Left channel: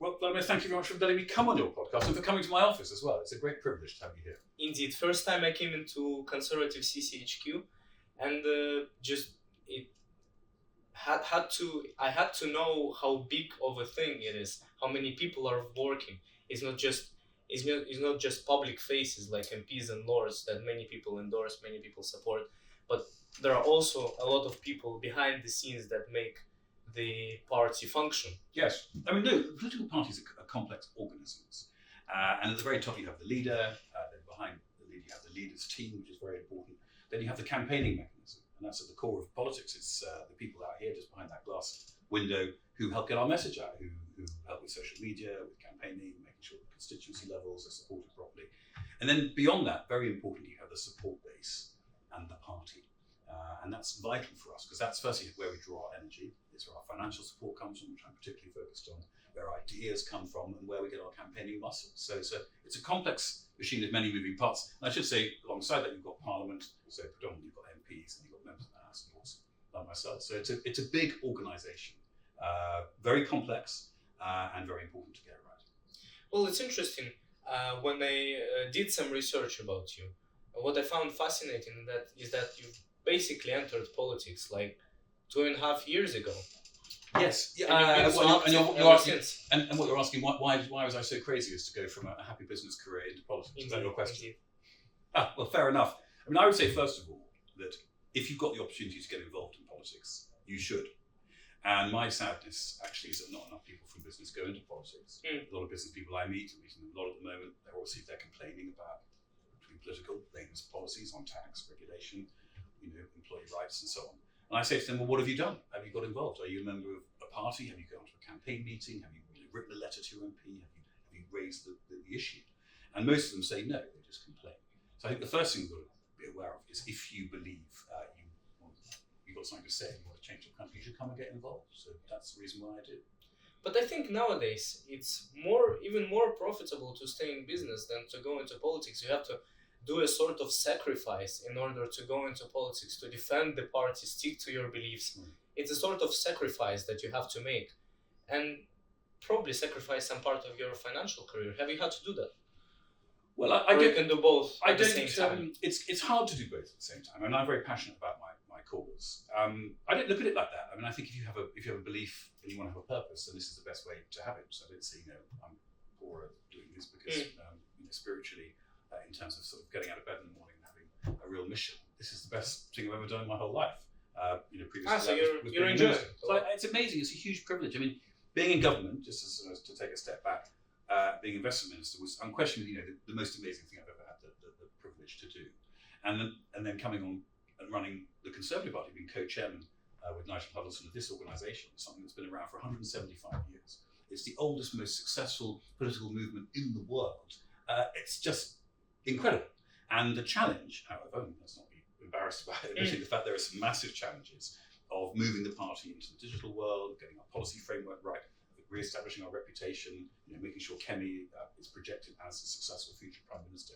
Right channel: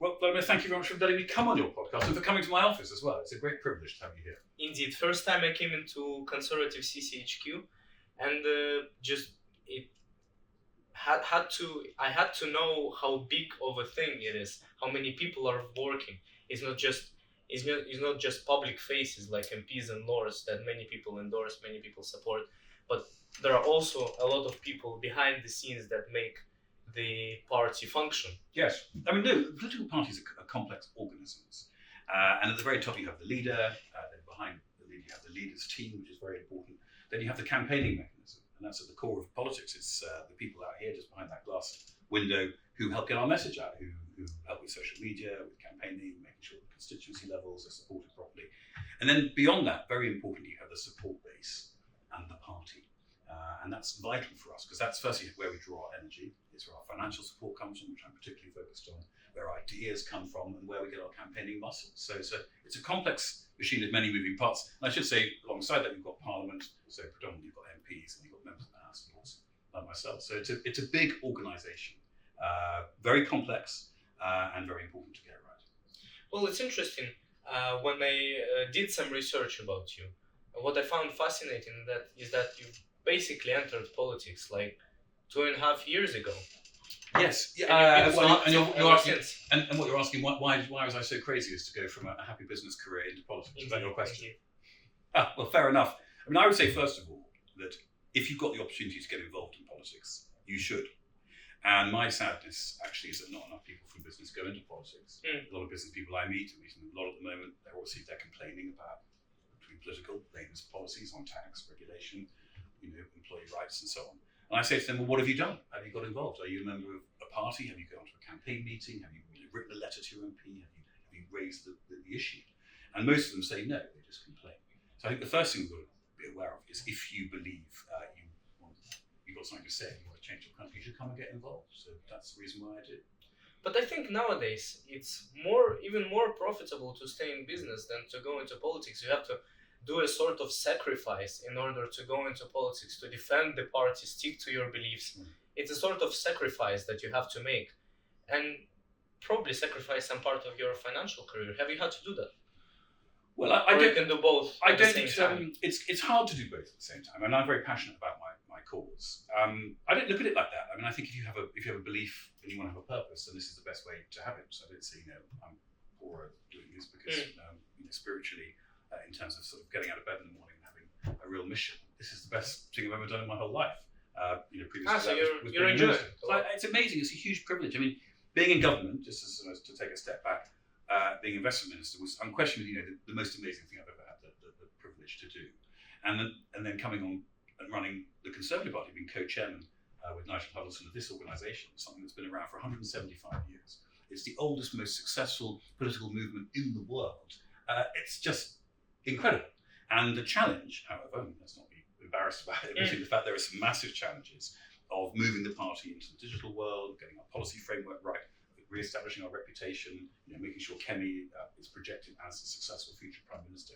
Well, Vladimir, thank you very much for letting me come on your podcast and for coming to my office as well. It's a great privilege to have you here. Indeed, first time I came into Conservative CCHQ, and I had to know how big of a thing it is, how many people are working. It's not just public faces like MPs and lords that many people endorse, many people support, but there are also a lot of people behind the scenes that make the party function. Yes, I mean, no, political parties are complex organisms, and at the very top you have the leader. Then behind the leader you have the leader's team, which is very important. Then you have the campaigning mechanism, and that's at the core of politics. It's the people out here just behind that glass window who help get our message out, who help with social media, with campaigning, making sure the constituency levels are supported properly. And then beyond that, very importantly, you have the support base and the party. And that's vital for us, because that's firstly where we draw our energy. It's where our financial support comes from, which I'm particularly focused on, where ideas come from, and where we get our campaigning muscle. So it's a complex machine with many moving parts. And I should say, alongside that, you've got Parliament, so predominantly you've got MPs, and you've got members of the House of Lords, like myself. So it's a big organisation, very complex, and very important to get it right. Well, it's interesting. When I did some research about you, what I found fascinating is that you basically entered politics like 2.5 years ago. Yes, yeah. And what you're asking, why was I so crazy as to go from a happy business career into politics? Is that your question? Well, fair enough. I mean, I would say first of all that if you've got the opportunity to get involved in politics, you should. And my sadness actually is that not enough people from business go into politics. A lot of business people I meet, I'm meeting a lot at the moment, they're complaining about political latest policies on tax, regulation, employee rights and so on. And I say to them, well, what have you done? Have you got involved? Are you a member of a party? Have you gone to a campaign meeting? Have you written a letter to your MP? Have you raised the issue? And most of them say no, they just complain. So I think the first thing we've got to be aware of is if you believe you've got something to say, you want to change your country, you should come and get involved. So that's the reason why I did. But I think nowadays it's even more profitable to stay in business than to go into politics. You have to do a sort of sacrifice in order to go into politics, to defend the party, stick to your beliefs. It's a sort of sacrifice that you have to make, and probably sacrifice some part of your financial career. Have you had to do that? Well, I don't. You can do both at the same time. It's hard to do both at the same time, and I'm very passionate about my cause. I don't look at it like that. I mean, I think if you have a belief and you want to have a purpose, then this is the best way to have it. So I don't say I'm poorer doing this because spiritually. In terms of sort of getting out of bed in the morning and having a real mission. This is the best thing I've ever done in my whole life. Previously so you're enjoying it. So it's amazing. It's a huge privilege. I mean, being in government, just as to take a step back, being investment minister was unquestionably the most amazing thing I've ever had the privilege to do. And then coming on and running the Conservative Party, being co-chairman with Nigel Huddleston of this organisation, something that's been around for 175 years. It's the oldest, most successful political movement in the world. It's just incredible. And the challenge, however, let's not be embarrassed about it, admitting the fact there are some massive challenges of moving the party into the digital world, getting our policy framework right, re-establishing our reputation, making sure Kemi is projected as a successful future Prime Minister.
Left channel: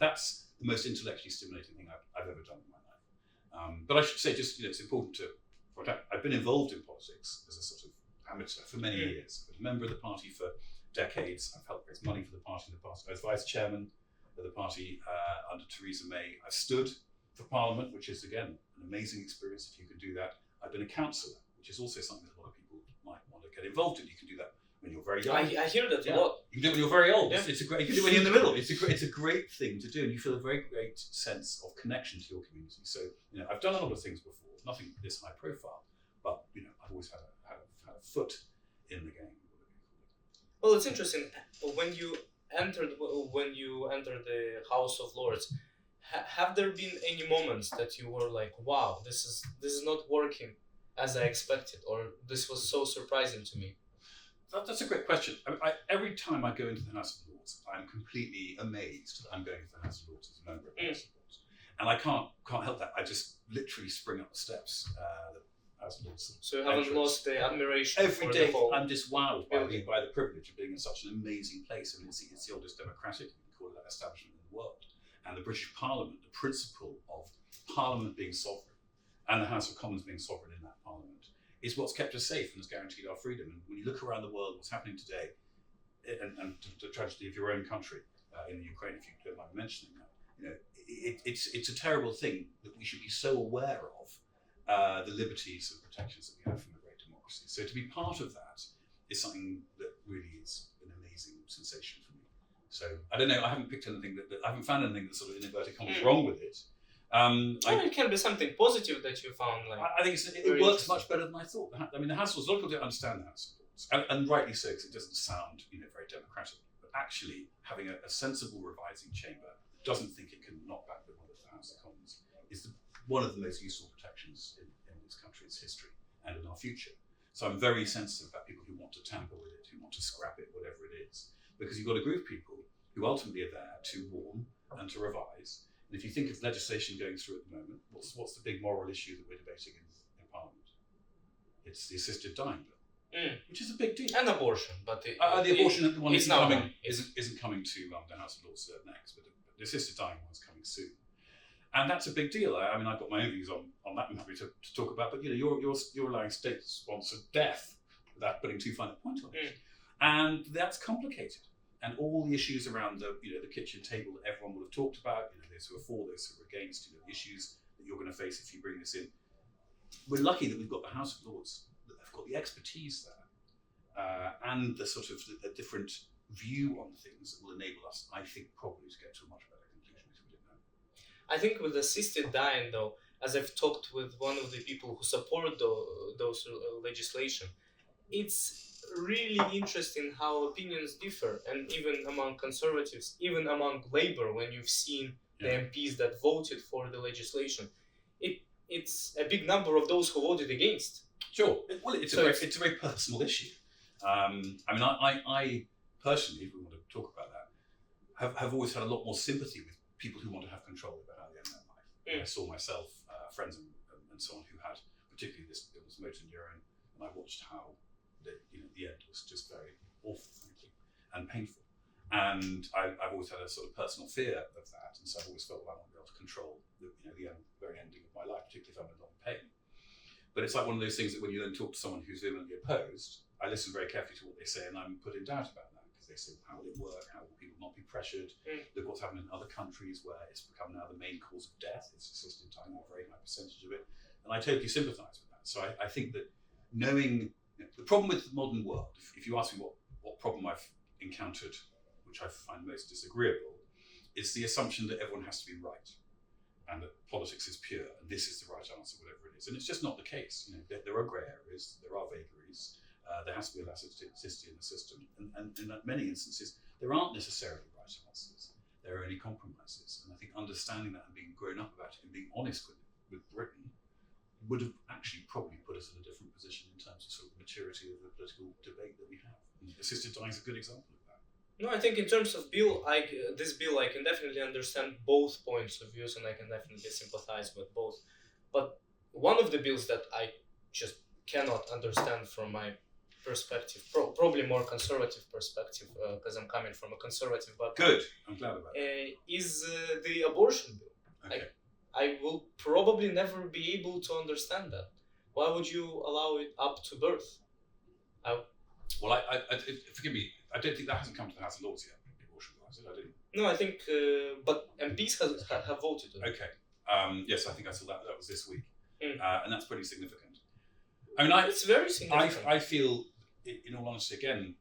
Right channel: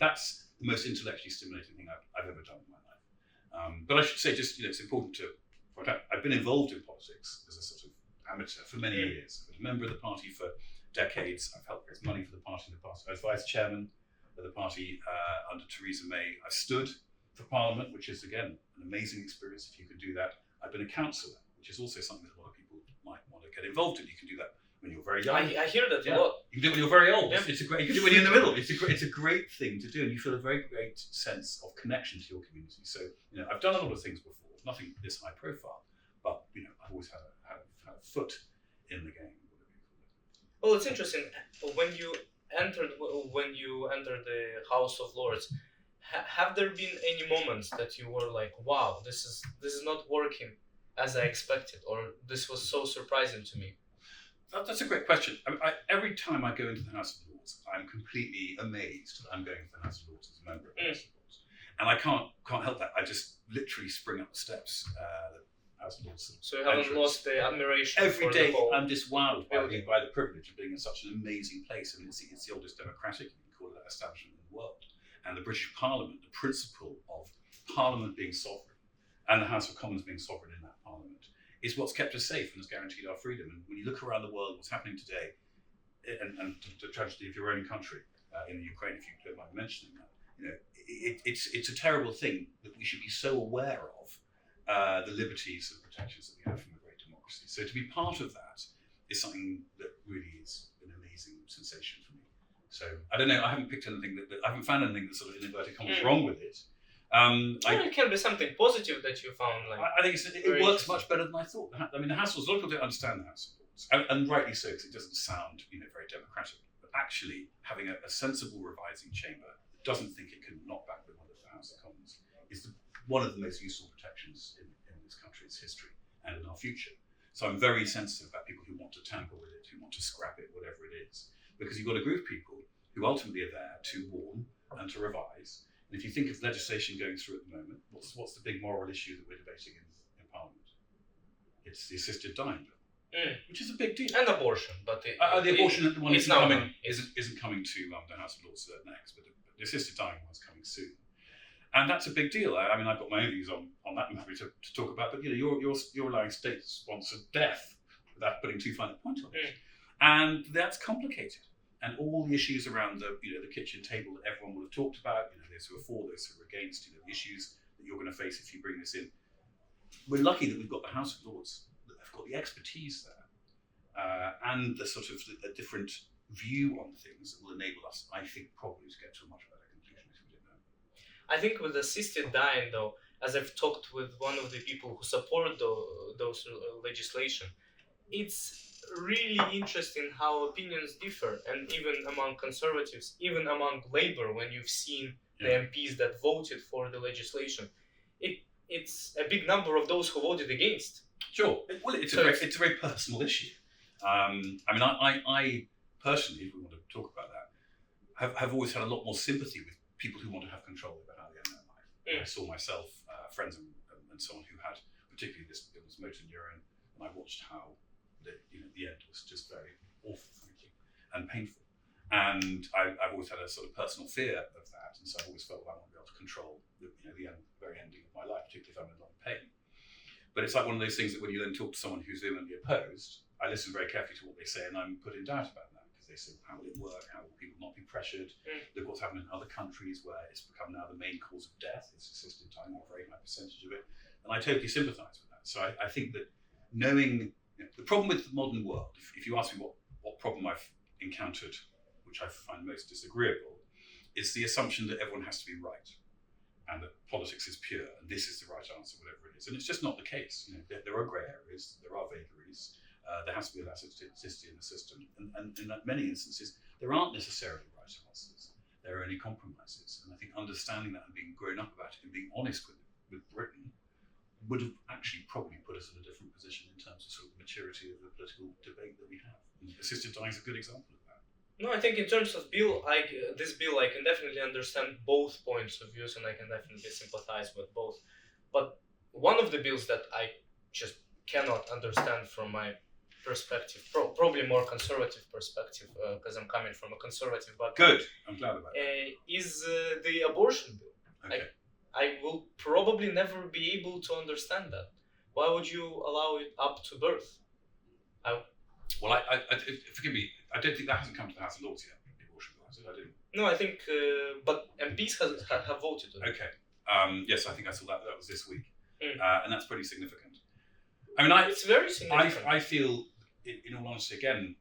That's the most intellectually stimulating thing I've ever done in my life. But I should say, just it's important to point out, I've been involved in politics as a sort of amateur for many years. I've been a member of the party for decades. I've helped raise money for the party in the past. I was vice chairman of the party under Theresa May. I've stood for Parliament, which is, again, an amazing experience if you can do that. I've been a councillor, which is also something that a lot of people might want to get involved in. You can do that when you're very young. I hear that a lot. You can do it when you're very old. Yeah. You can do it when you're in the middle. It's a great thing to do, and you feel a very great sense of connection to your community. So, I've done a lot of things before, nothing this high profile, but, I've always had a foot in the game. Well, it's interesting. When you entered the House of Lords, have there been any moments that you were like, wow, this is not working as I expected, or this was so surprising to me? That's a great question. Every time I go into the House of Lords, I'm completely amazed that I'm going to the House of Lords as a member of the House of Lords. And I can't help that. I just literally spring up the steps. So you haven't lost the admiration every for day. The whole I'm just wowed by the privilege of being in such an amazing place. I mean, it's the oldest democratic, you can call it that, establishment in the world. And the British Parliament, the principle of Parliament being sovereign and the House of Commons being sovereign in that Parliament is what's kept us safe and has guaranteed our freedom. And when you look around the world, what's happening today and the tragedy of your own country in the Ukraine, if you don't mind mentioning that, it's a terrible thing that we should be so aware of the liberties and protections that we have from a great democracy. So to be part of that is something that really is an amazing sensation for me. So I don't know, I haven't picked anything I haven't found anything that's sort of in inverted commas wrong with it. It can be something positive that you found. I think it works much better than I thought. I mean, the House rules, a lot of people don't understand the House rules, and rightly so, because it doesn't sound very democratic. But actually, having a sensible revising chamber that doesn't think it can knock back the will of the House of Commons is one of the most useful protections in this country's history and in our future. So I'm very sensitive about people who want to tamper with it, who want to scrap it, whatever it is, because you've got a group of people who ultimately are there to warn and to revise. And if you think of legislation going through at the moment, what's the big moral issue that we're debating in Parliament? It's the assisted dying bill, which is a big deal. And abortion, but the abortion one isn't coming to the House of Lords next, but the assisted dying one's coming soon. And that's a big deal. I mean, I've got my own views on that I'm happy to talk about, but you're allowing state-sponsored death without putting too fine a point on it. And that's complicated. And all the issues around the kitchen table that everyone will have talked about, those who are for, those who are against, the issues that you're going to face if you bring this in. We're lucky that we've got the House of Lords that have got the expertise there and the sort of a different view on things that will enable us, I think, probably to get to a much better conclusion if we didn't know. I think with assisted dying, though, as I've talked with one of the people who support those legislation, it's really interesting how opinions differ, and even among conservatives, even among Labour, when you've seen the MPs that voted for the legislation, it's a big number of those who voted against. Sure. Well, it's a very personal issue. I mean, I personally, if we want to talk about that, have always had a lot more sympathy with people who want to have control over how they end their life. I saw myself, friends and so on who had particularly this motor neurone, and I watched how the end was just very awful, frankly, and painful. And I've always had a sort of personal fear of that, and so I've always felt I want to be able to control the very ending of my life, particularly if I'm in a lot of pain. But it's like one of those things that when you then talk to someone who's vehemently opposed, I listen very carefully to what they say, and I'm put in doubt about that, because they say, how will it work? How will people not be pressured? Look what's happened in other countries where it's become now the main cause of death. It's assisted dying, a very high percentage of it. And I totally sympathise with that. So I think that knowing the problem with the modern world, if you ask me what problem I've encountered, which I find most disagreeable, is the assumption that everyone has to be right and that politics is pure and this is the right answer, whatever it is. And it's just not the case. There are grey areas, there are vagaries, there has to be elasticity in the system. And in many instances, there aren't necessarily right answers. There are only compromises. And I think understanding that and being grown up about it and being honest with Britain would have actually probably put us in a different position in terms of sort of maturity of the political debate that we have. And assisted dying is a good example of that. No, I think in terms of this bill, I can definitely understand both points of views, and I can definitely sympathize with both. But one of the bills that I just cannot understand from my perspective, probably more conservative perspective, because I'm coming from a conservative background. Good, I'm glad about that. Is the abortion bill. Okay. I will probably never be able to understand that. Why would you allow it up to birth? Well, I forgive me, I don't think that hasn't come to the House of Lords yet, the abortion bill, has it? I didn't. No, I think, but MPs have voted on it. Okay. Yes, I think I saw that was this week. And that's pretty significant. I mean, it's very significant. I feel, in all honesty, again,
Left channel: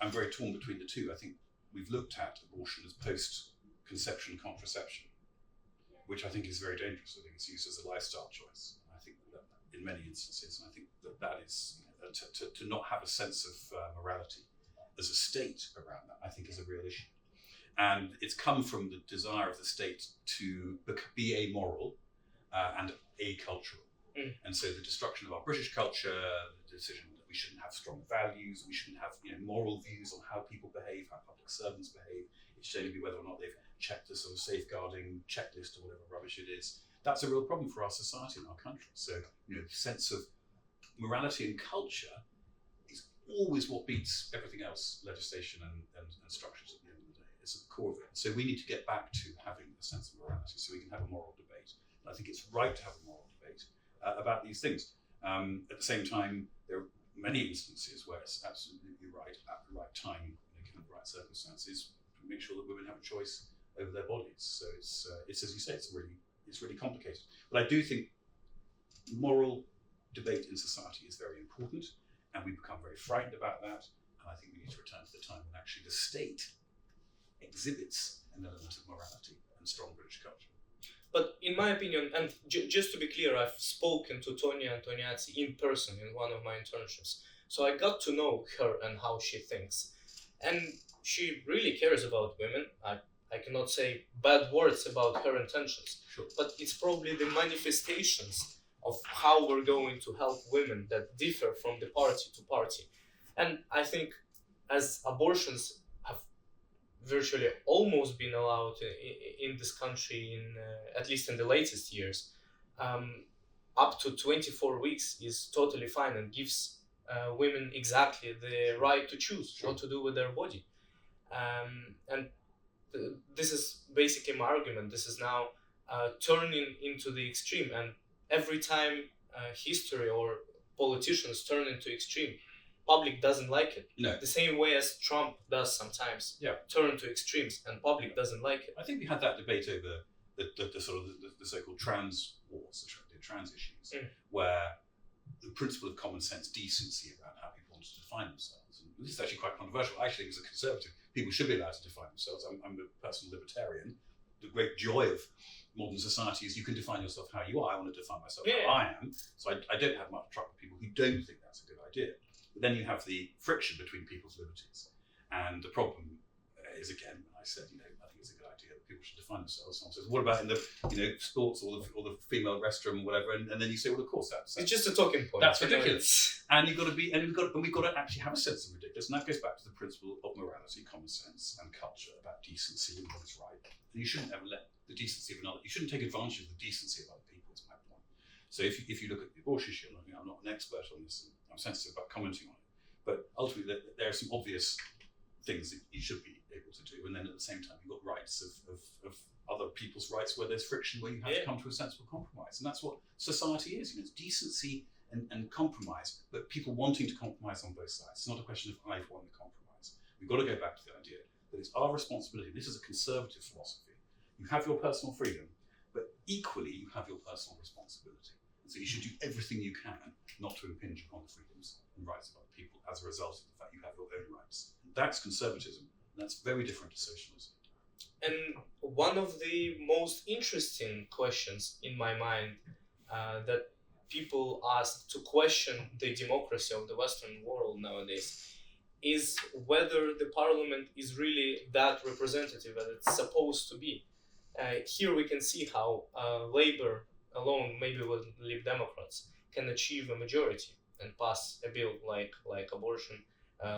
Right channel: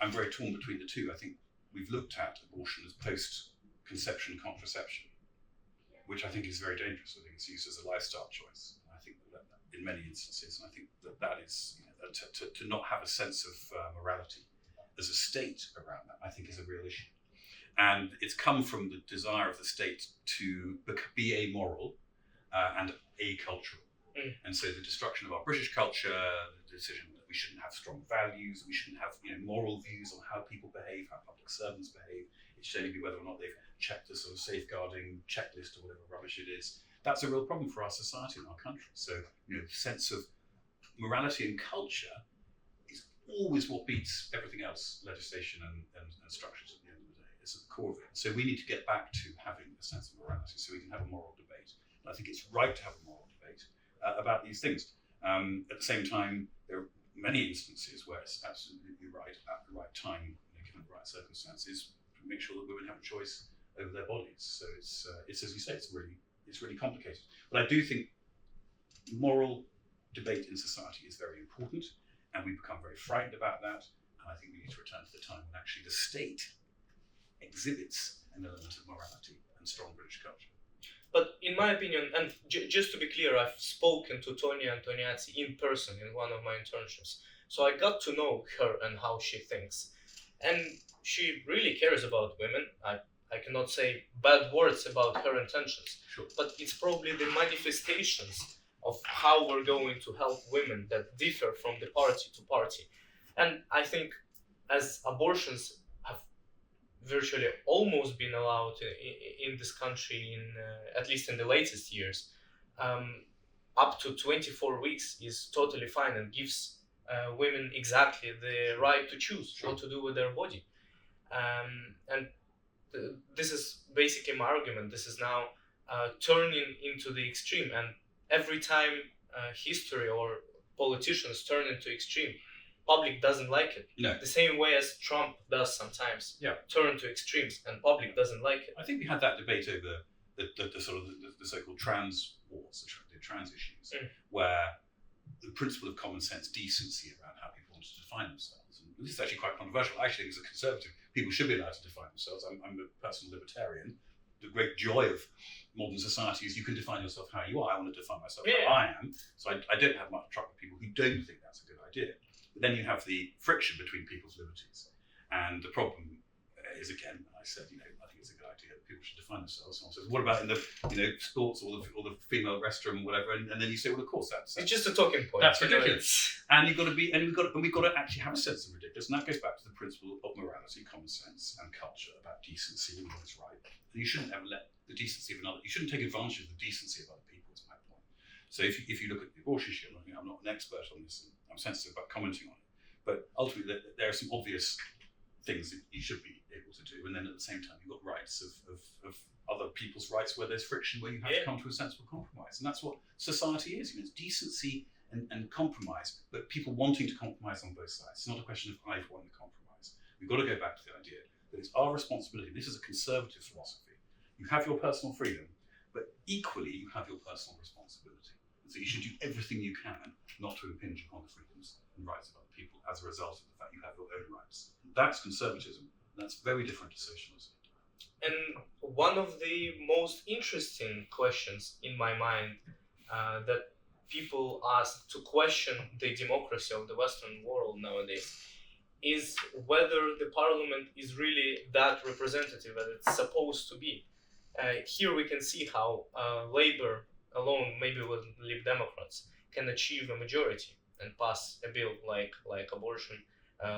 I'm very torn between the two. I think we've looked at abortion as post-conception contraception, which I think is very dangerous. I think it's used as a lifestyle choice. I think that in many instances, and I think that is, to not have a sense of morality as a state around that, I think is a real issue. And it's come from the desire of the state to be amoral and acultural. And so the destruction of our British culture, the decision that we shouldn't have strong values, we shouldn't have moral views on how people behave, how public servants behave. It should only be whether or not they've checked the sort of safeguarding checklist or whatever rubbish it is. That's a real problem for our society and our country. So, the sense of morality and culture is always what beats everything else, legislation and structures at the end of the day. It's at the core of it. So we need to get back to having a sense of morality so we can have a moral debate. And I think it's right to have a moral debate about these things. At the same time, there are many instances where it's absolutely right at the right time, given that circumstance is to make sure that women have a choice over their bodies. So it's as you say, it's really complicated. But I do think moral debate in society is very important, and we've become very frightened about that. And I think we need to return to the time when actually the state exhibits an element of morality and strong British culture. But in my opinion, and just to be clear, I've spoken to Tonia Antoniazzi in person in one of my internships. So I got to know her and how she thinks. And she really cares about women. I cannot say bad words about her intentions. Sure. But it's probably the manifestations of how we're going to help women that differ from the party to party. And I think as abortions have virtually almost been allowed in this country, at least in the latest years, up to 24 weeks is totally fine and gives women exactly the right to choose what to do with their body. And this is basically my argument. This is now turning into the extreme, and every time history or politicians turn into extreme, public doesn't like it. No. The same way as Trump does sometimes. Yeah. Turn to extremes, and public doesn't like it. I think we had that debate over the sort of the so-called trans wars, the trans issues, where the principle of common sense decency around how people want to define themselves. And this is actually quite controversial. I actually think as a conservative, people should be allowed to define themselves. I'm a personal libertarian. The great joy of modern society is you can define yourself how you are. I want to define myself how I am. So I don't have much trouble with people who don't think that's a good idea. But then you have the friction between people's liberties. And the problem is, again, when I said, I think it's a good idea that people should define themselves. Someone says, what about in the, sports or the female restroom, whatever? And then you say, well, of course, that's it's just a talking point. That's ridiculous. And we've got to actually have a sense of ridiculous. And that goes back to the principle of morality, common sense, and culture about decency and what is right. And you shouldn't ever let the decency of another. You shouldn't take advantage of the decency of other people. Is my point. So if you look at the abortion issue, I'm not an expert on this, and I'm sensitive about commenting on it. But ultimately, there are some obvious things that you should be able to do, and then at the same time, you've got rights of other people's rights where there's friction, where you have to come to a sensible compromise, and that's what society is. It's decency and compromise, but people wanting to compromise on both sides. It's not a question of I've won the compromise. We've got to go back to the idea that it's our responsibility. This is a conservative philosophy. You have your personal freedom, but equally you have your personal responsibility. And so you should do everything you can not to impinge upon the freedoms and rights of other people as a result of the fact you have your own rights. And that's conservatism, and that's very different to socialism. And one of the most interesting questions in my mind that people ask to question the democracy of the Western world nowadays is whether the parliament is really that representative as it's supposed to be. Here we can see how Labour alone, maybe with Lib Democrats, can achieve a majority and pass a bill like abortion,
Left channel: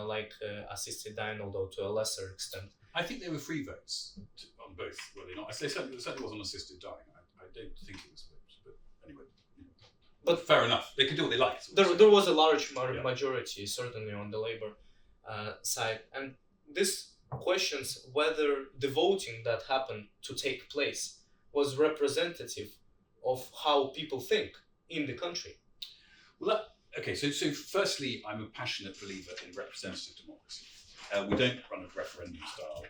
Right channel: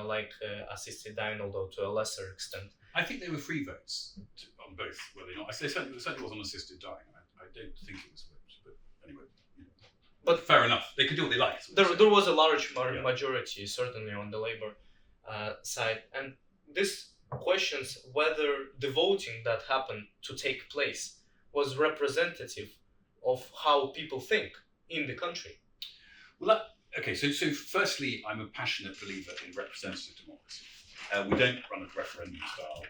like assisted dying, although to a lesser extent. I think they were free votes on both, were they not? I say certainly was on assisted dying. I don't think it was votes, but anyway. But fair enough. They could do what they like. There was a large majority, certainly on the Labour side, and this questions whether the voting that happened to take place was representative of how people think in the country. Well, so firstly, I'm a passionate believer in representative democracy. We don't run a referendum-style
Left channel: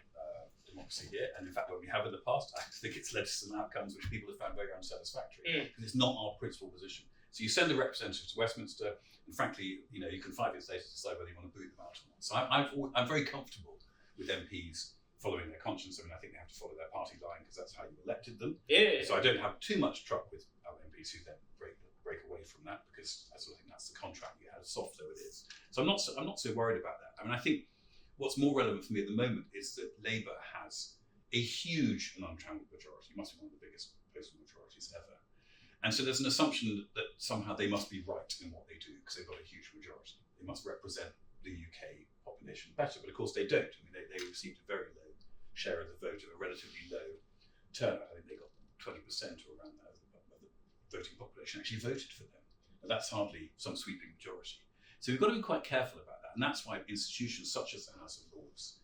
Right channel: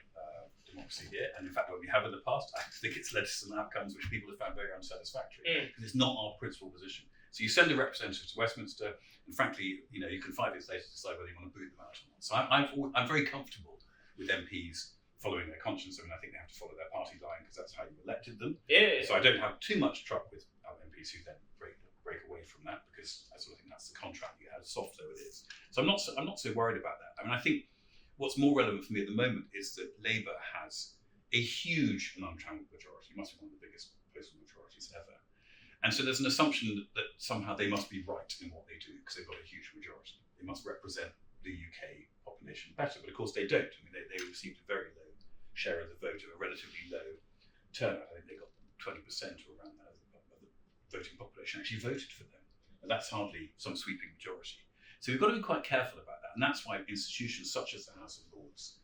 democracy here, and in fact, when we have in the past, I think it's led to some outcomes which people have found very unsatisfactory, because it's not our principal position. So you send a representative to Westminster, and frankly, you can 5 years later decide whether you want to boot them out or not. So I'm very comfortable with MPs following their conscience. I mean, I think they have to follow their party line because that's how you elected them. So I don't have too much trouble with MPs who then break away from that, because I sort of think that's the contract you had, soft though it is. So I'm not so worried about that. I mean, I think what's more relevant for me at the moment is that Labour has a huge and untrammeled majority. It must be one of the biggest postal majorities ever. And so there's an assumption that somehow they must be right in what they do because they've got a huge majority. They must represent the UK population better, but of course they don't. I mean, they received a very low share of the vote of a relatively low turnout. I think they got 20% or around that of the voting population actually voted for them. And that's hardly some sweeping majority. So we've got to be quite careful about that. And that's why institutions such as the House of Lords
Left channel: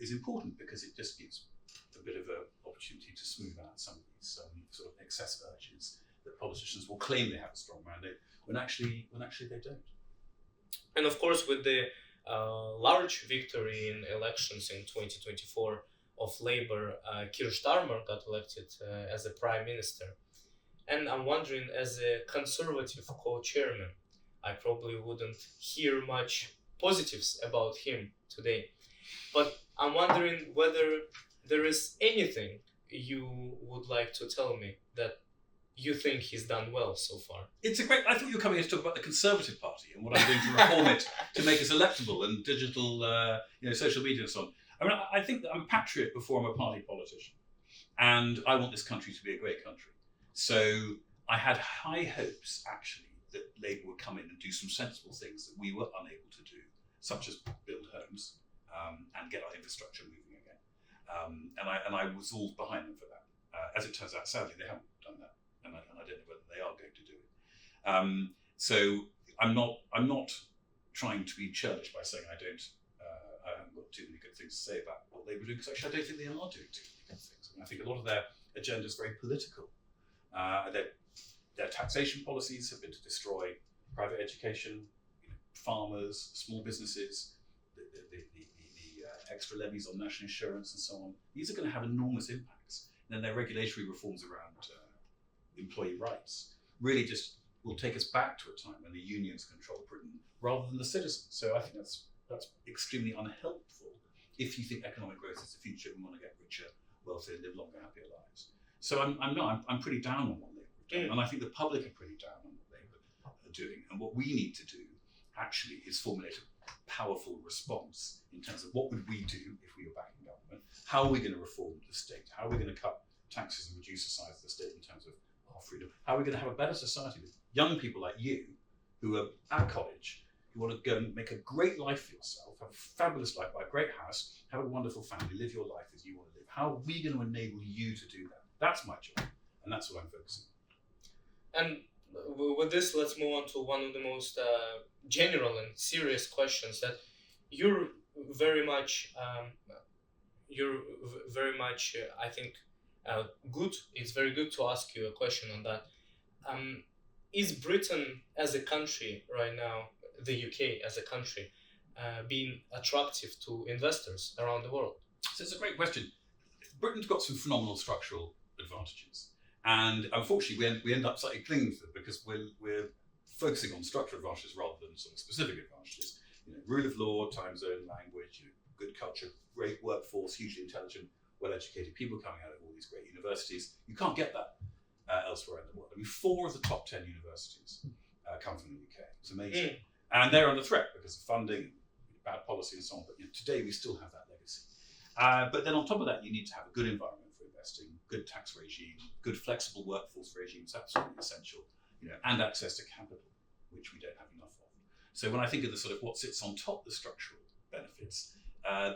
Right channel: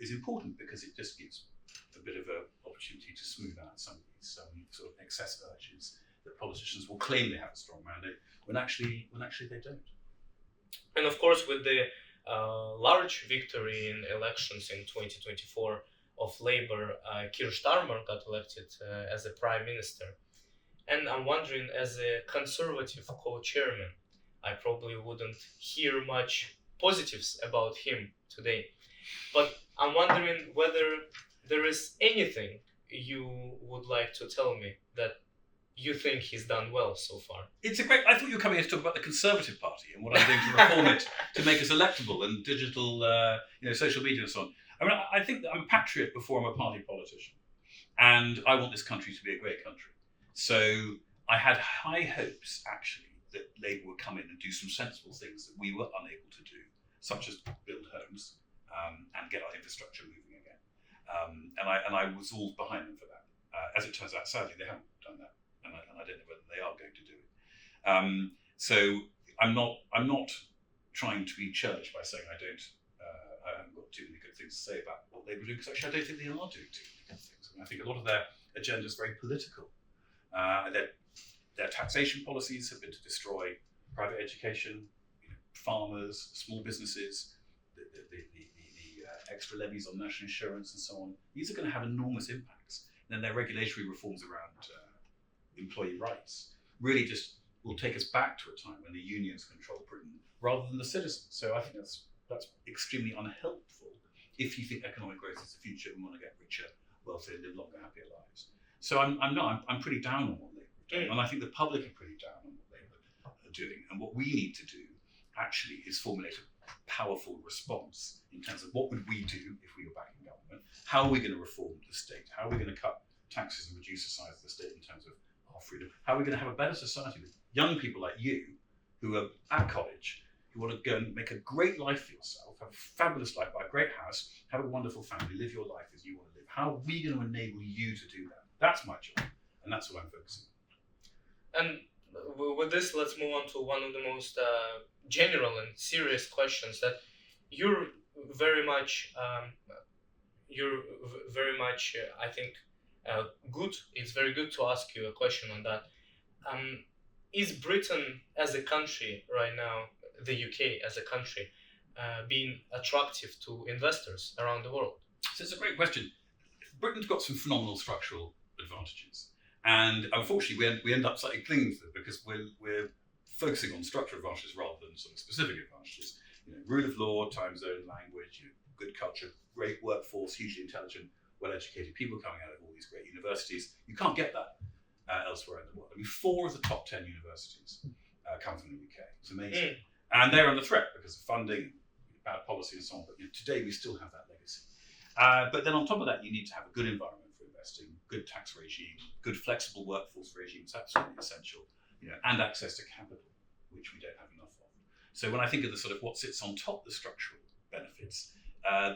is important, because it just gives a bit of an opportunity to smooth out some of these sort of excess urges that politicians will claim they have a strong mandate when actually they don't. And of course, with the large victory in elections in 2024 of Labour, Keir Starmer got elected as a prime minister. And I'm wondering, as a conservative co-chairman, I probably wouldn't hear much positives about him today. But I'm wondering whether there is anything you would like to tell me that you think he's done well so far. It's a great. I thought you were coming here to talk about the Conservative Party and what I'm doing to reform it to make us electable and digital, social media and so on. I mean, I think that I'm a patriot before I'm a party politician, and I want this country to be a great country. So I had high hopes, actually, that Labour would come in and do some sensible things that we were unable to do, such as build homes and get our infrastructure moving again. And I was all behind them for that. As it turns out, sadly, they haven't done that, and I don't know whether they are going to do it. So I'm not trying to be churlish by saying I haven't got too many good things to say about what Labour do, because actually I don't think they are doing too many good things. I think a lot of their agenda is very political. Their taxation policies have been to destroy private education, farmers, small businesses, the extra levies on national insurance and so on. These are going to have enormous impacts. And then their regulatory reforms around employee rights really just will take us back to a time when the unions control Britain rather than the citizens. So I think that's extremely unhelpful if you think economic growth is the future and want to get richer, wealthier, live longer, happier lives. So I'm pretty down on what Labour have done, and I think the public are pretty down on what Labour are doing. And what we need to do actually is formulate a powerful response in terms of what would we do if we were back in government? How are we going to reform the state? How are we going to cut taxes and reduce the size of the state in terms of our freedom? How are we going to have a better society with young people like you who are at college, who want to go and make a great life for yourself, have a fabulous life, buy a great house, have a wonderful family, live your life as you want to live? How are we going to enable you to do that? That's my job, and that's what I'm focusing on. And with this, let's move on to one of the most general and serious questions that you're very much, I think, good. It's very good to ask you a question on that. Is Britain as a country right now, the UK as a country, being attractive to investors around the world? So it's a great question. Britain's got some phenomenal structural advantages. And unfortunately, we end up slightly clinging to them because we're focusing on structural advantages rather than sort of specific advantages. Rule of law, time zone, language, good culture, great workforce, hugely intelligent, well-educated people coming out of all these great universities. You can't get that elsewhere in the world. I mean, 4 of the top 10 universities come from the UK. It's amazing. And they're under threat because of funding, bad policy and so on. But today we still have that legacy. But then on top of that, you need to have a good environment for investing, good tax regime, good flexible workforce regime is absolutely essential, and access to capital, which we don't have enough of. So when I think of the sort of what sits on top of the structural benefits,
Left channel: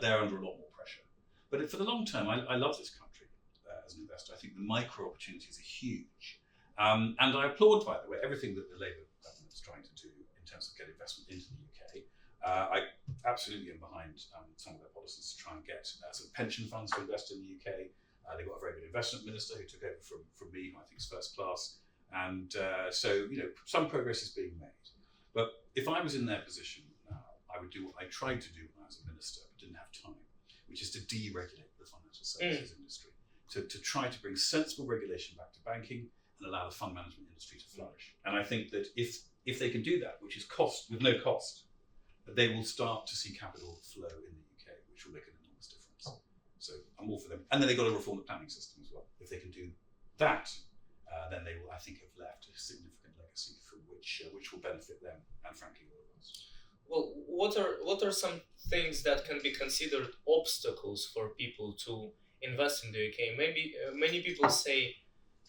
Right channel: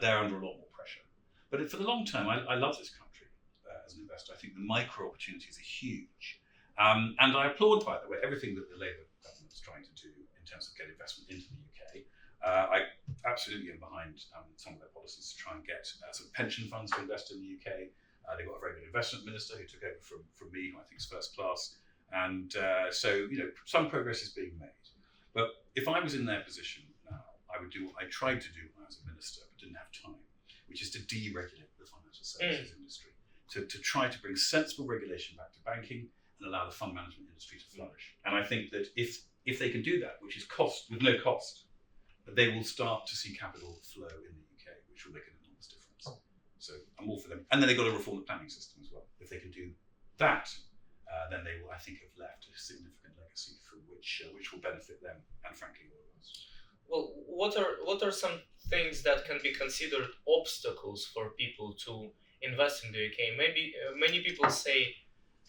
they're under a lot more pressure. But for the long term, I love this country as an investor. I think the micro opportunities are huge. And I applaud, by the way, everything that the Labour government is trying to do in terms of getting investment into the UK. I absolutely am behind some of their policies to try and get some pension funds to invest in the UK. They've got a very good investment minister who took over from me, who I think is first class. And so some progress is being made. But if I was in their position now, I would do what I tried to do when I was a minister, but didn't have time, which is to deregulate the financial services industry, to try to bring sensible regulation back to banking and allow the fund management industry to flourish. And I think that if they can do that, which is with no cost, they will start to see capital flow in the UK, which will make an enormous difference. So I'm all for them. And then they've got to reform the planning system as well. If they can do that, then they will, I think, have left a significant legacy from which will benefit them and, frankly, all of us. Well, what are some things that can be considered obstacles for people to invest in the UK? Maybe many people say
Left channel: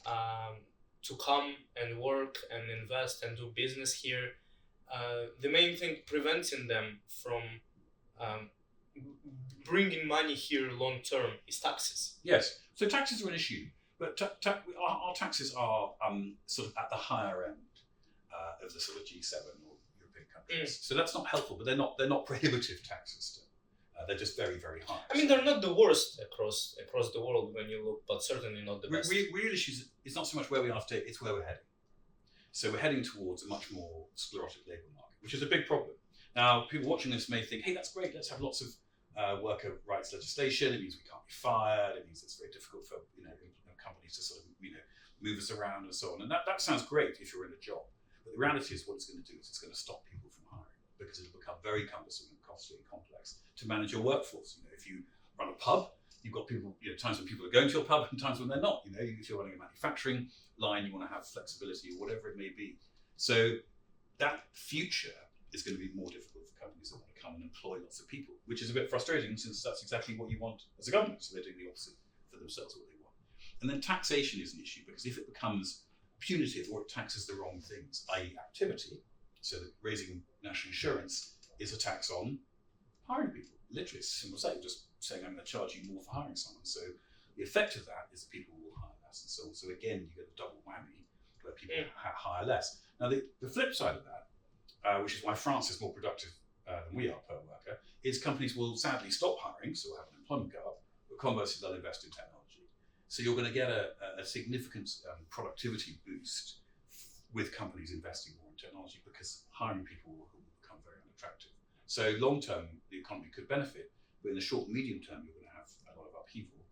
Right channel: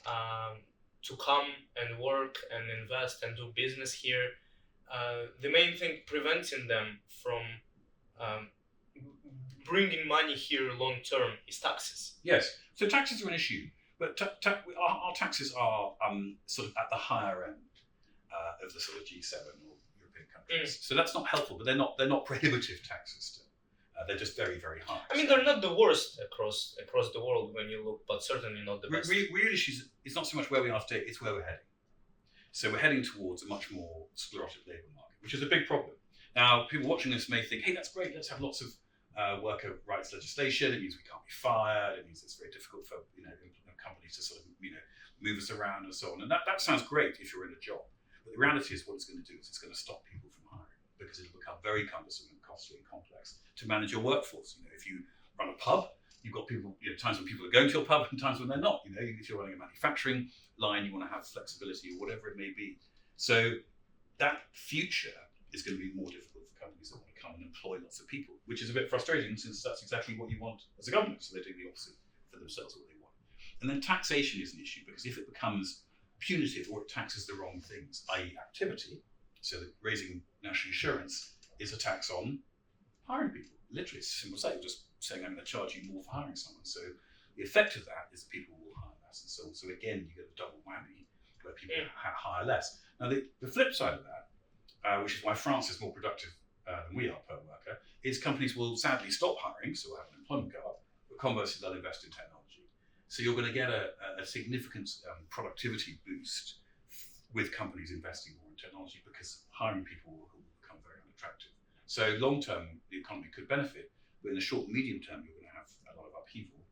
to come and work and invest and do business here. The main thing preventing them from bringing money here long term is taxes. Yes, so taxes are an issue, but our taxes are sort of at the higher end of the sort of G7 or European countries. So that's not helpful, but they're not prohibitive taxes still. They're just very, very high. I mean, they're not the worst across the world when you look, but certainly not the best. Real issues, it's not so much where we are today, it's where we're heading. So we're heading towards a much more sclerotic labour market, which is a big problem. Now, people watching this may think, hey, that's great, let's have lots of worker rights legislation. It means we can't be fired. It means it's very difficult for companies to sort of move us around and so on. And that sounds great if you're in a job. But the reality is what it's going to do is it's going to stop people from hiring because it'll become very cumbersome and costly and complex to manage your workforce. If you run a pub, you've got people, times when people are going to your pub and times when they're not. If you're running a manufacturing line, you want to have flexibility or whatever it may be. So that future is going to be more difficult for companies that want to come and employ lots of people, which is a bit frustrating since that's exactly what you want as a government. So they're doing the opposite for themselves, what they want. And then taxation is an issue because if it becomes punitive or it taxes the wrong things, i.e. activity, so that raising national insurance is a tax on hiring people. Literally, it's a simple saying, just saying I'm going to charge you more for hiring someone. So the effect of that is that people will hire less and so on. So again, you get a double whammy where people hire less. Now the flip side of that, which is why France is more productive than we are per worker, is companies will sadly stop hiring, so we'll have unemployment go up, but conversely they'll invest in technology. So you're going to get a significant productivity boost with companies investing more in technology because hiring people will become very unattractive. So long term, the economy could benefit, but in the short and medium term, you're going to have a lot of upheaval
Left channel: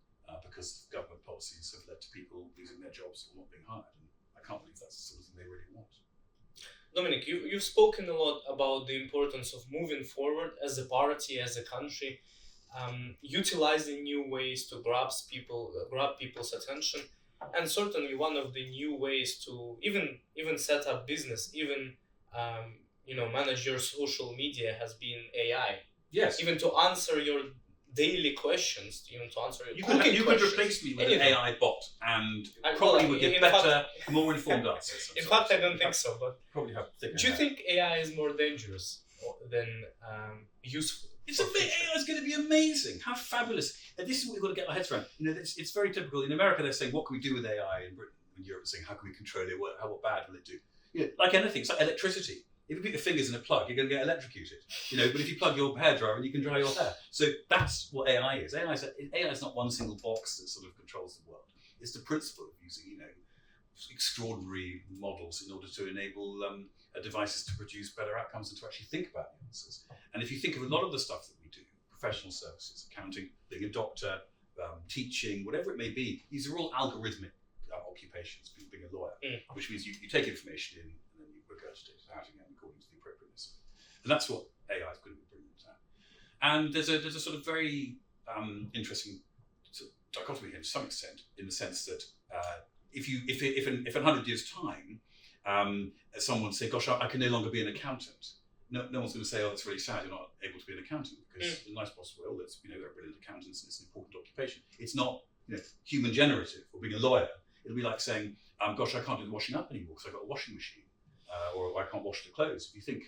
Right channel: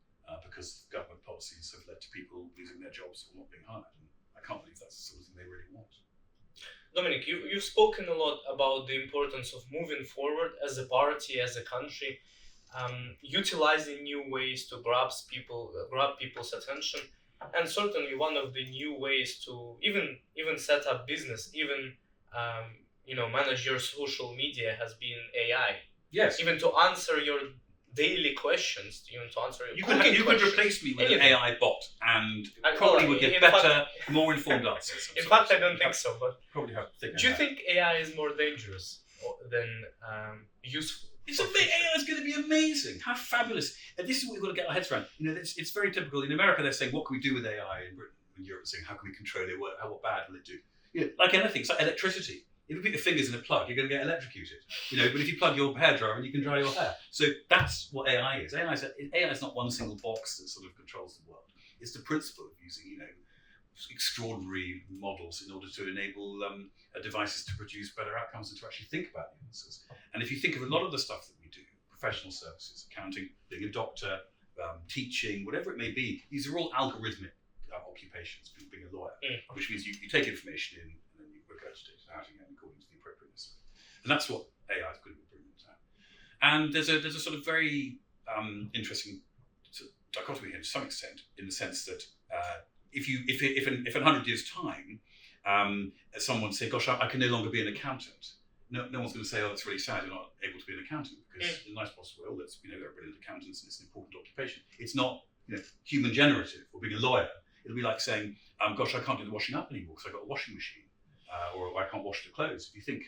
because government policies have led to people losing their jobs or not being hired. And I can't believe that's the sort of thing they really want. Dominic, you've spoken a lot about the importance of moving forward as a party, as a country, utilizing new ways to grab people's attention, and certainly one of the new ways to even set up business, even manage your social media has been AI. Yes. Even to answer your daily questions, even to answer your you questions. could replace me with Anything. an AI bot and probably would get better, more informed answers. In fact, I don't think so. But probably have thicker do you hair. think AI is more dangerous than useful? It's AI is going to be amazing. How fabulous! And this is what we've got to get our heads around. It's very typical. In America, they're saying, "What can we do with AI?" In Britain, in Europe, saying, "How can we control it? What bad will it do?" Like anything, it's like electricity. If you put your fingers in a plug, you're going to get electrocuted. But if you plug your hairdryer in, you can dry your hair. So that's what AI is. AI is not one single box that sort of controls the world. It's the principle of using, extraordinary models in order to enable devices to produce better outcomes and to actually think about the answers. And if you think of a lot of the stuff that we do, professional services, accounting, being a doctor, teaching, whatever it may be, these are all algorithmic occupations, being a lawyer, which means you take information in and then you regurgitate it out again according to the appropriateness. And that's what AI is going to be bringing us at. And there's a sort of very interesting dichotomy here to some extent, in the sense that if in 100 years' time, someone say, "Gosh, I can no longer be an accountant," no one's going to say, "Oh, that's really sad. You're not able to be an accountant," because in a nice possible way, they're brilliant accountants and it's an important occupation. It's not human generative, or being a lawyer. It'll be like saying, "Gosh, I can't do the washing up anymore because I've got a washing machine," or "I can't wash the clothes." If you think,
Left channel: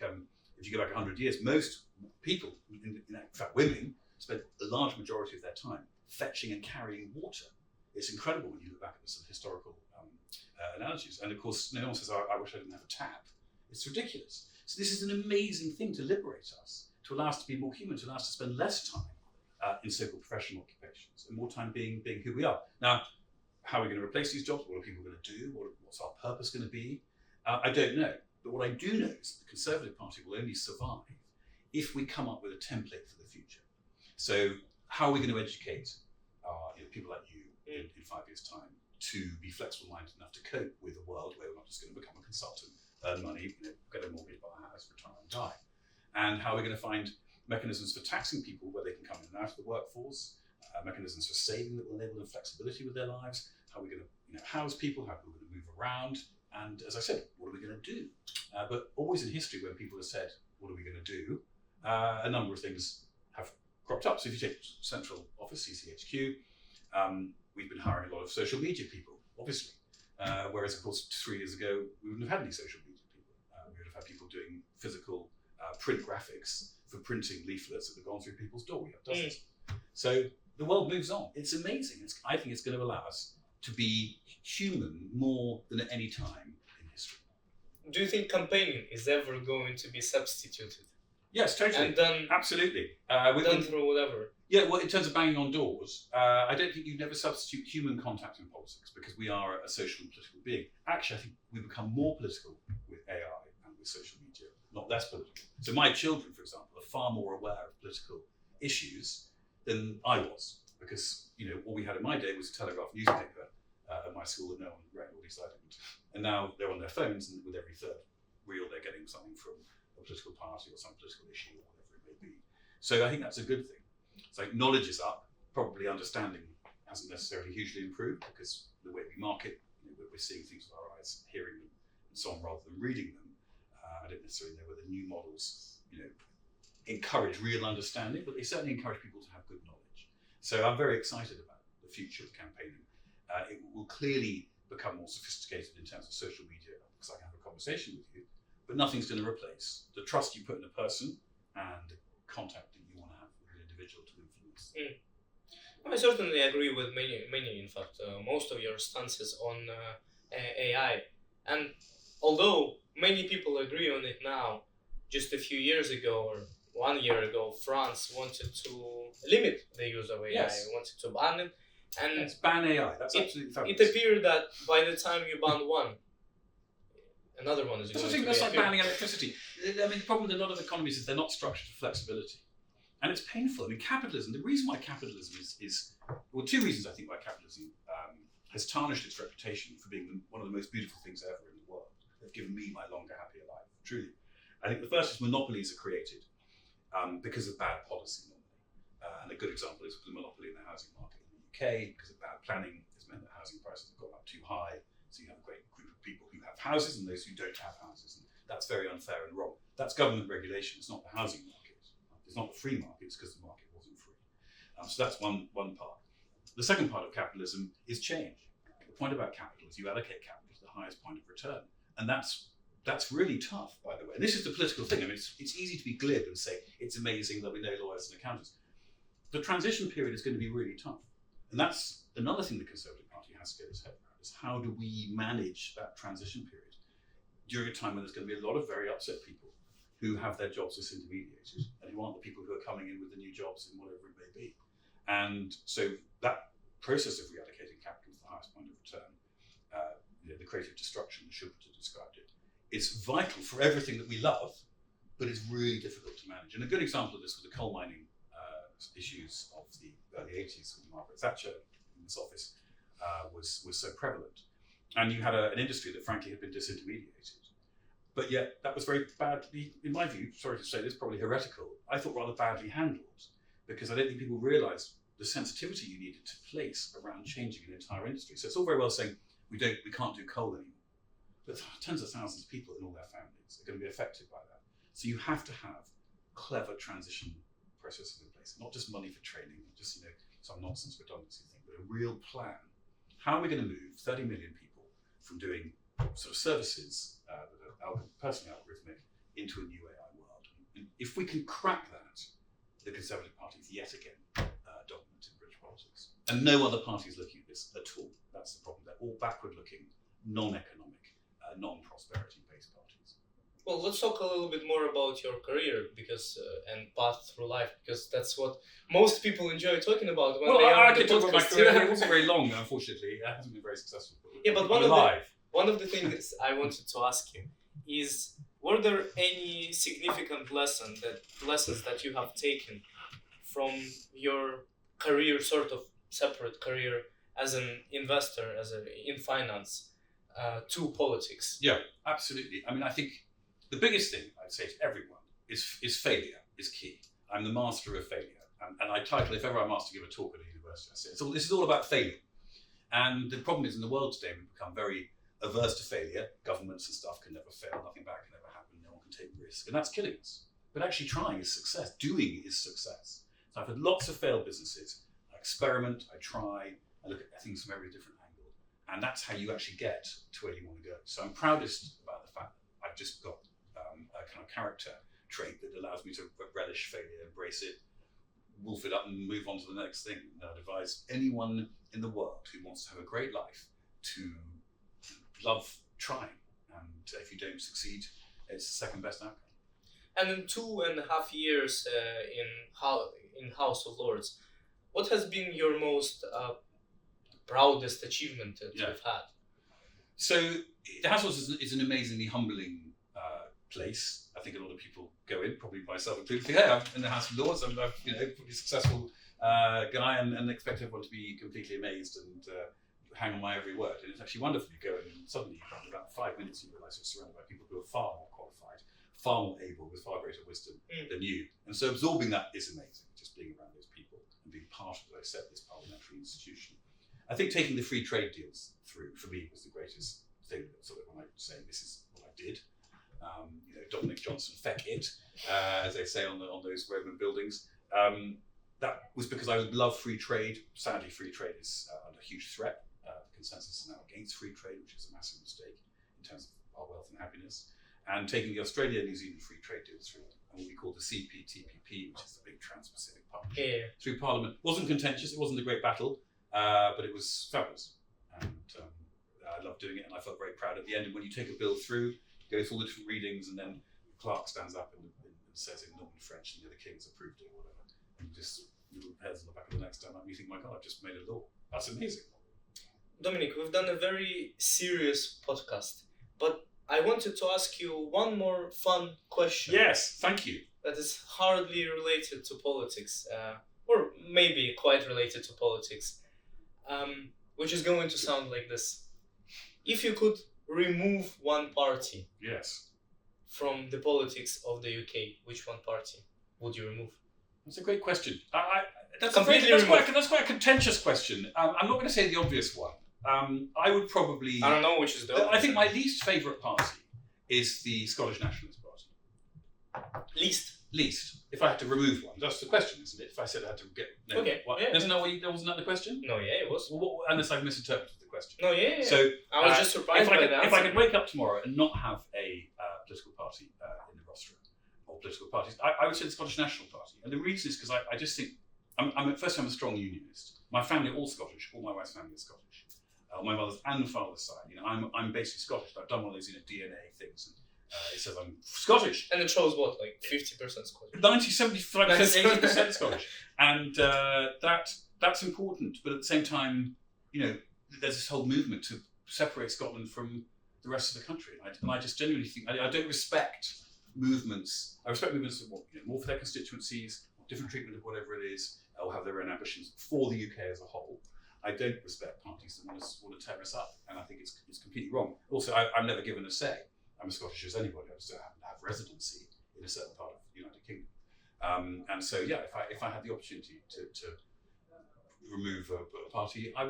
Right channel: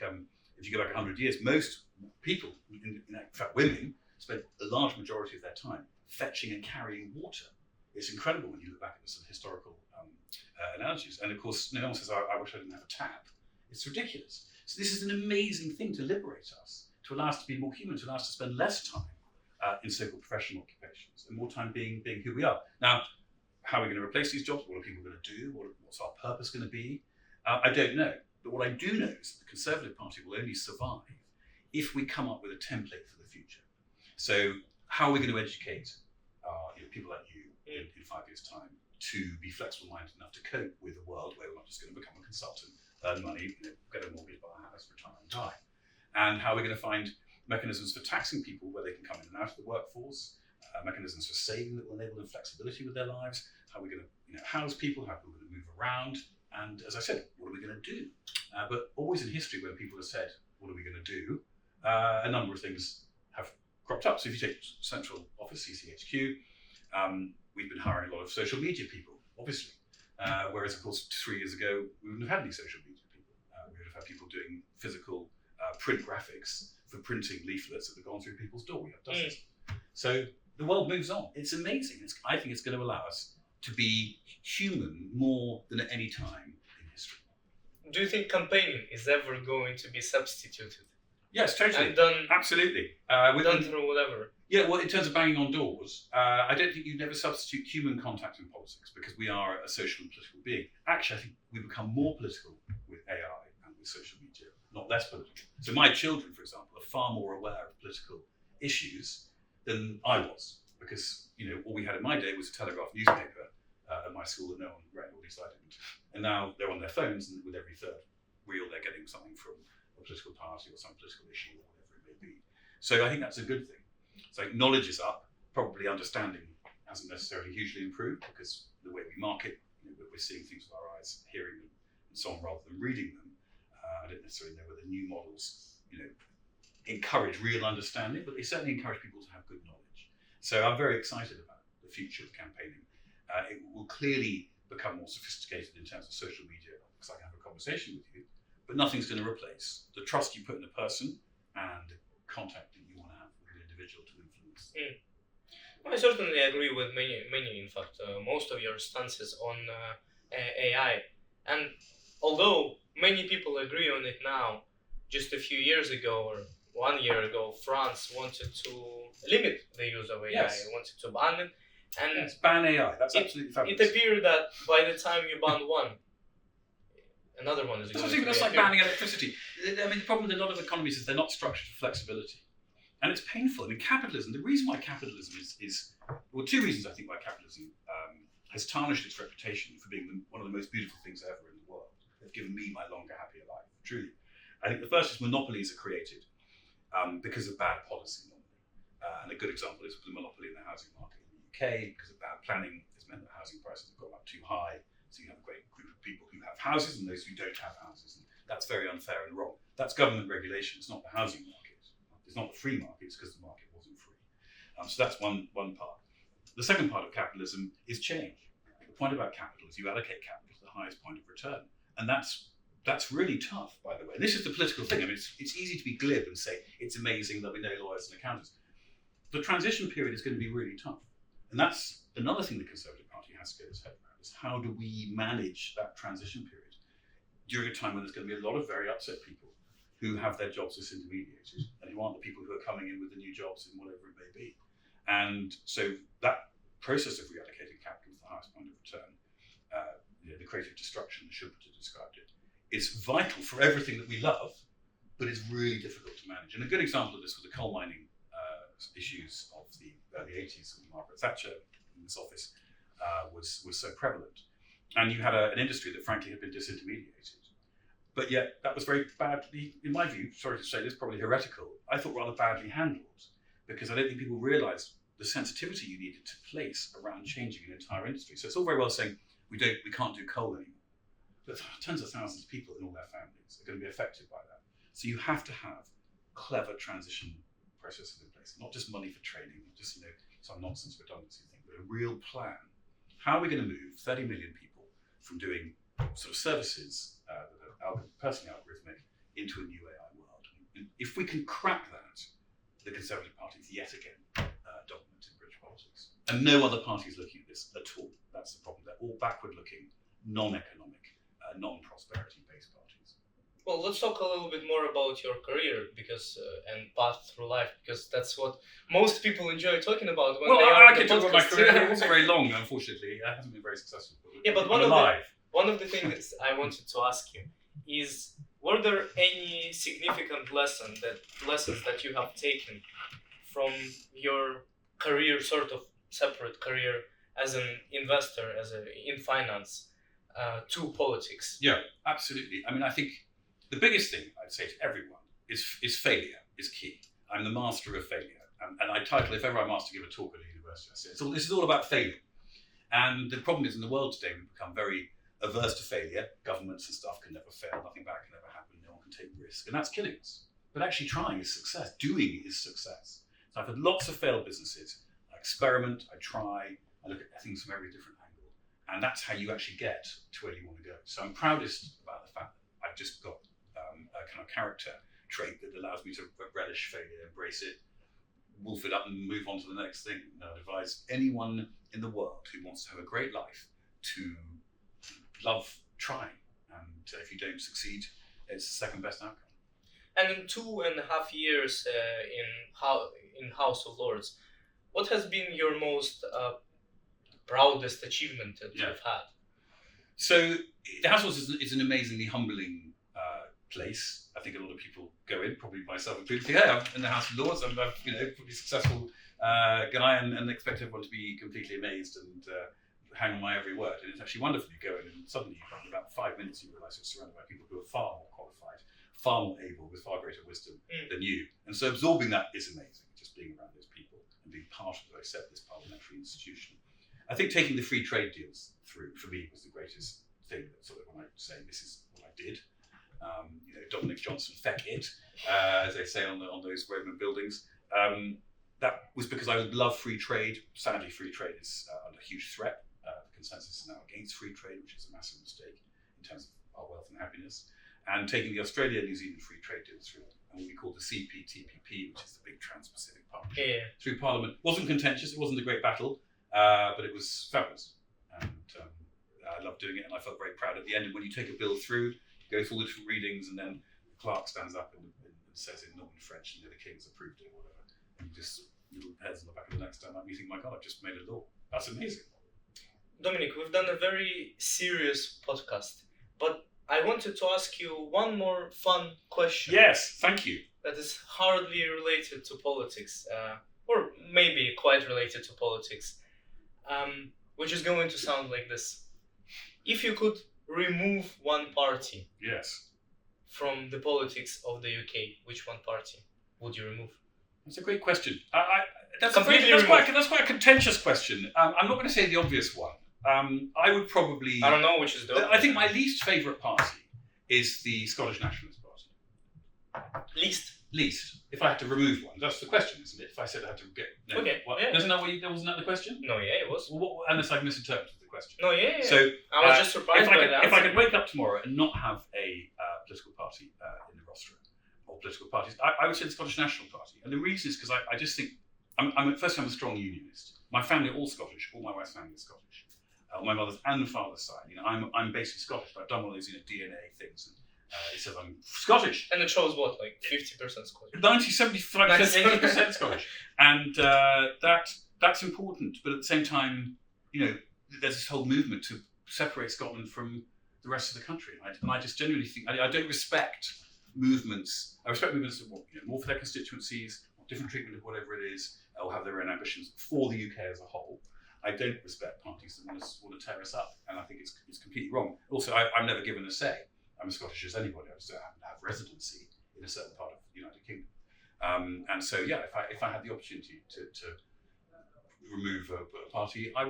if you go back 100 years, most people, in fact women, spend a large majority of their time fetching and carrying water. It's incredible when you look back at the sort of historical analogies. And of course, no one says, "I wish I didn't have a tap." It's ridiculous. So this is an amazing thing to liberate us, to allow us to be more human, to allow us to spend less time in so-called professional occupations and more time being who we are. Now, how are we going to replace these jobs? What are people going to do? What's our purpose going to be? I don't know. But what I do know is that the Conservative Party will only survive if we come up with a template for the future. So how are we going to educate people like you in 5 years' time to be flexible-minded enough to cope with a world where we're not just going to become a consultant, earn money, get a mortgage, buy a house, retire and die? And how are we going to find mechanisms for taxing people where they can come in and out of the workforce, mechanisms for saving that will enable them flexibility with their lives? How are we going to house people? How are we going to move around? And as I said, what are we going to do? But always in history, when people have said, what are we going to do? A number of things have cropped up. So if you take central office, CCHQ, we've been hiring a lot of social media people, obviously. Whereas, of course, 3 years ago, we wouldn't have had any social media people. We would have had people doing physical print graphics for printing leaflets that have gone through people's door. We have dozens. So the world moves on. It's amazing. I think it's going to allow us to be human more than at any time in history. Do you think campaigning is ever going to be substituted? Yes, totally. And done, absolutely. Done through whatever. Yeah, well, in terms of banging on doors, I don't think you'd never substitute human contact in politics because we are a social and political being. Actually, I think we become more political with AI and with social media not less political. So my children, for example, are far more aware of political issues than I was, because all we had in my day was a Telegraph newspaper at my school that no one read, or at least I didn't. And now they're on their phones, and with every third reel they're getting something from a political party or some political issue or whatever it may be. So I think that's a good thing. So knowledge is up, probably understanding hasn't necessarily hugely improved, because the way we market, we're seeing things with our eyes, hearing them, and so on, rather than reading them. I don't necessarily know whether new models, encourage real understanding, but they certainly encourage people to have good knowledge. So I'm very excited about the future of campaigning. It will clearly become more sophisticated in terms of social media, because I can have a conversation with you, but nothing's going to replace the trust you put in a person and the contact that you want to have with an individual to influence. I certainly agree with many, in fact, most of your stances on AI. And although many people agree on it now, just a few years ago or 1 year ago, France wanted to limit the use of AI, wanted to ban it. And yes, ban AI, that's absolutely fabulous. It appeared that by the time you ban one, another one is going to be That's like banning electricity. I mean, the problem with a lot of economies is they're not structured for flexibility. And it's painful. I mean, capitalism, the reason why capitalism is well, two reasons I think why capitalism has tarnished its reputation for being one of the most beautiful things ever in the world. They've given me my longer, happier life, truly. I think the first is monopolies are created because of bad policy normally. And a good example is the monopoly in the housing market in the UK, because of bad planning has meant that housing prices have gone up too high. So you have a great group of people who have houses and those who don't have houses. And that's very unfair and wrong. That's government regulation, it's not the housing market. It's not the free market, it's because the market wasn't free. So that's one part. The second part of capitalism is change. The point about capital is you allocate capital to the highest point of return. And that's really tough, by the way. And this is the political thing. I mean, it's easy to be glib and say it's amazing that we know lawyers and accountants. The transition period is going to be really tough. And that's another thing the Conservative Party has to get its head around, is how do we manage that transition period during a time when there's going to be a lot of very upset people who have their jobs disintermediated and who aren't the people who are coming in with the new jobs in whatever it may be. And so that process of reallocating capital to the highest point of return, the creative destruction that Schumpeter described it, is vital for everything that we love, but it's really difficult to manage. And a good example of this was the coal mining issues of the early 80s when Margaret Thatcher in this office was so prevalent. And you had an industry that frankly had been disintermediated. But yet that was very badly, in my view, sorry to say this, probably heretical, I thought rather badly handled, because I don't think people realised the sensitivity you needed to place around changing an entire industry. So it's all very well saying we can't do coal anymore, but tens of thousands of people and all their families are going to be affected by that. So you have to have clever transition processes in place, not just money for training, not just some nonsense redundancy thing, but a real plan. How are we going to move 30 million people from doing sort of services that are personally algorithmic into a new AI world? And if we can crack that, the Conservative Party is yet again dominant in British politics. And no other party is looking at this at all. That's the problem. They're all backward-looking, non-economic, non-prosperity-based parties. Well, let's talk a little bit more about your career and path through life, because that's what most people enjoy talking about when they are I can talk about my career. It wasn't very long, unfortunately. It hasn't been very successful. But one of the things I wanted to ask you is, were there any significant lessons that you have taken from your career, sort of separate career as an investor, in finance, to politics? Yeah, absolutely. I mean, I think the biggest thing I'd say to everyone is failure is key. I'm the master of failure. And I title, if ever I'm asked to give a talk at a university, I say, this is all about failure. And the problem is in the world today, we've become very averse to failure. Governments and stuff can never fail. Nothing bad can ever happen. No one can take risk. And that's killing us. But actually trying is success. Doing is success. So I've had lots of failed businesses. I experiment, I try, I look at things from every different angle. And that's how you actually get to where you want to go. So I'm proudest about the fact that I've just got a kind of character trait that allows me to relish failure, embrace it, wolf it up and move on to the next thing. And I'd advise anyone in the world who wants to have a great life to love trying. And if you don't succeed, it's the second best outcome. And in 2.5 years in House of Lords, what has been your most proudest achievement that you've had? So the House of Lords is an amazingly humbling place. I think a lot of people go in, probably myself included, think, hey, I'm in the House of Lords, I'm a pretty successful guy, and expect everyone to be completely amazed and hang on my every word. And it's actually wonderful. You go in and suddenly, in about 5 minutes, you realise you're surrounded by people who are far more qualified, far more able, with far greater wisdom than you. And so absorbing that is amazing, just being around those people and being part of, as I said, this parliamentary institution. I think taking the free trade deals through, for me, was the greatest thing. Sort of when I say this is what I did. Dominic Johnson, feck it, as they say on those Roman buildings. That was because I love free trade. Sadly, free trade is under huge threat. The consensus is now against free trade, which is a massive mistake in terms of our wealth and happiness. And taking the Australia-New Zealand free trade deal through what we call the CPTPP, which is the big Trans-Pacific Partnership, through Parliament. Wasn't contentious, it wasn't a great battle, but it was fabulous. And I loved doing it, and I felt very proud at the end. And when you take a bill through, go through all the different readings, and then the clerk stands up and says in normal French, and the King's approved it or whatever. And you just, little hairs on the back of the neck stand up, and you think, my God, I've just made a law. That's amazing. Dominic, we've done a very serious podcast, but I wanted to ask you one more fun question. Yes, thank you. That is hardly related to politics, or maybe quite related to politics, which is going to sound like this. If you could remove one party from the politics of the UK, which one party would you remove? That's a great question. That's quite a contentious question. I'm not going to say the obvious one. I would probably... I don't know which is the obvious. I think my least favourite party is the Scottish Nationalist Party. Least. If I had to remove one. That's the question, isn't it? If I said I had to get... No, okay. Yeah. Wasn't that the question? No, yeah, it was. Well, unless I've misinterpreted the question. No, yeah. So, I was just surprised by that. If I could wake up tomorrow and not have a political party in the roster, or political parties, I would say the Scottish National Party. And the reason is because I just think, first I'm a strong unionist. My family are all Scottish, all my wife's family is Scottish. On my mother's and father's side, I'm basically Scottish. I've done one of those DNA things, and it says I'm Scottish. And it shows what, like 50% Scottish? 75%, 80% Scottish. And that's important, but at the same time, there's this whole movement to separate Scotland from the rest of the country. And I just genuinely think, I don't respect movements. I respect movements that want more for their constituencies, different treatment of whatever it is, or have their own ambitions for the UK as a whole. I don't respect parties that want to tear us up, and I think it's completely wrong. Also, I'm never given a say. I'm as Scottish as anybody. I just don't happen to have residency in a certain part of the United Kingdom. And so, yeah, if I had the opportunity to remove a party, I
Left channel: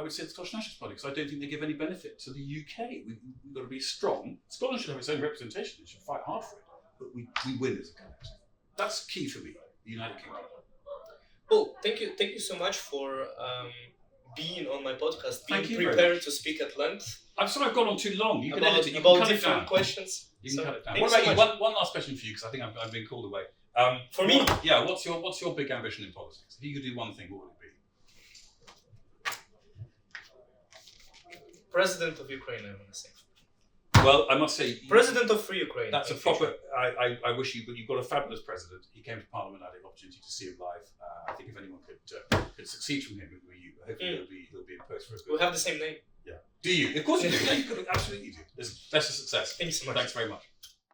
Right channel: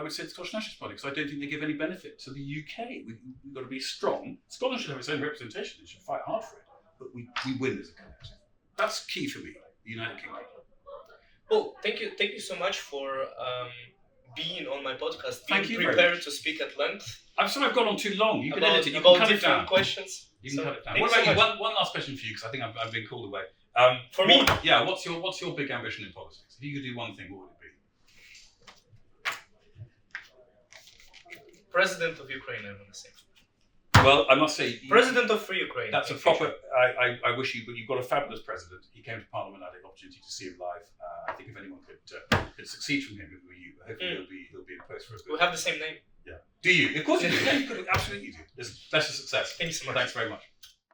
would say the Scottish Nationalist Party, because I don't think they give any benefit to the UK. We've got to be strong. Scotland should have its own representation. It should fight hard for it, but we win as a collective. That's key for me. The United Kingdom. Well, thank you so much for being on my podcast, being prepared to speak at length. I'm sorry I've gone on too long. You can edit it. You can cut it down. Questions. You can cut it down. What about you? One last question for you, because I think I've been called away. For me? Yeah. What's your big ambition in politics? If you could do one thing, what would it be? President of Ukraine, I want to say. Well, I must say... President of Free Ukraine. That's a proper... I wish you... But you've got a fabulous president. He came to Parliament. I had the opportunity to see him live. I think if anyone could succeed from him, it would be you. Hopefully he'll be in post for a bit. We have the same name. Yeah. Do you? Of course you do. Yeah, you could, absolutely do. Best of success. Thank you so much. Thanks very much.